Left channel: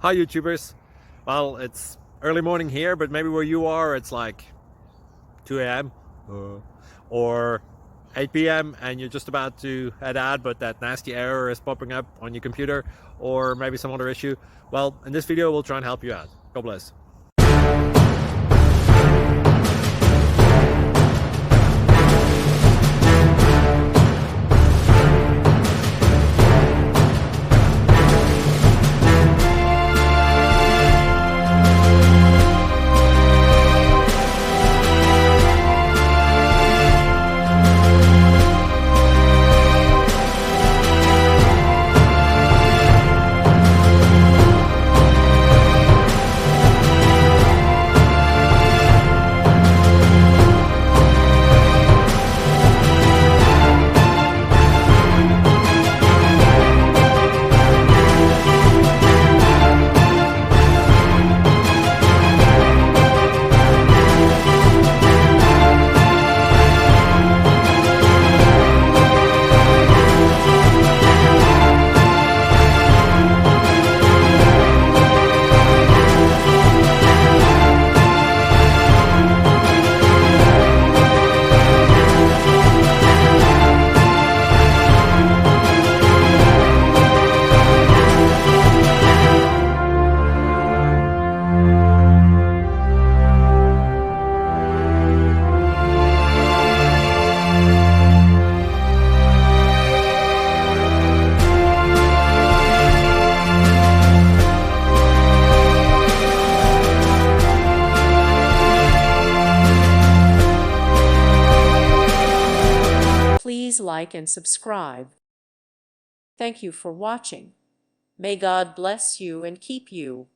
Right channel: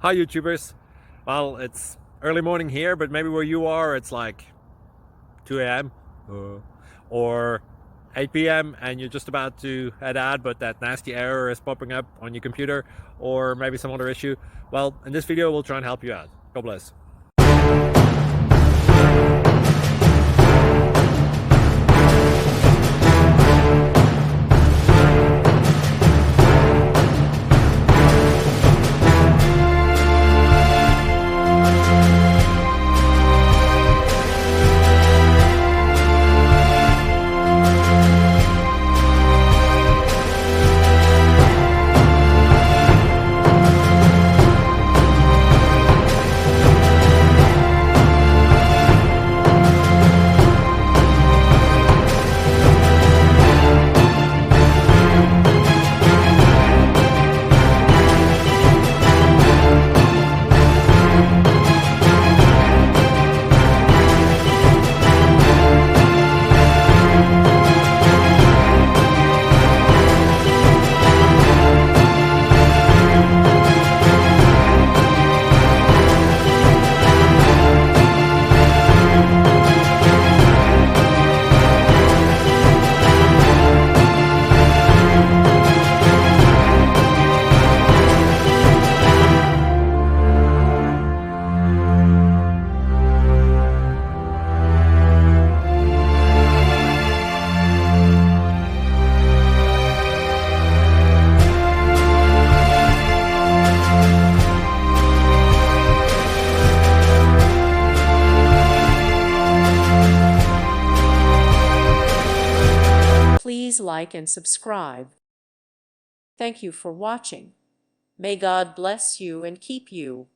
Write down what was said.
Hi YouTubers. Well, it's early morning here, but maybe where you are it's like 2 a.m. Or 8 p.m. and you're just about to head out, but that nasty error is popping up on your computer, or maybe some other issue. Well, in this video we'll try and help you out. God bless. Please like and subscribe. Thank you for watching. May God bless you and keep you.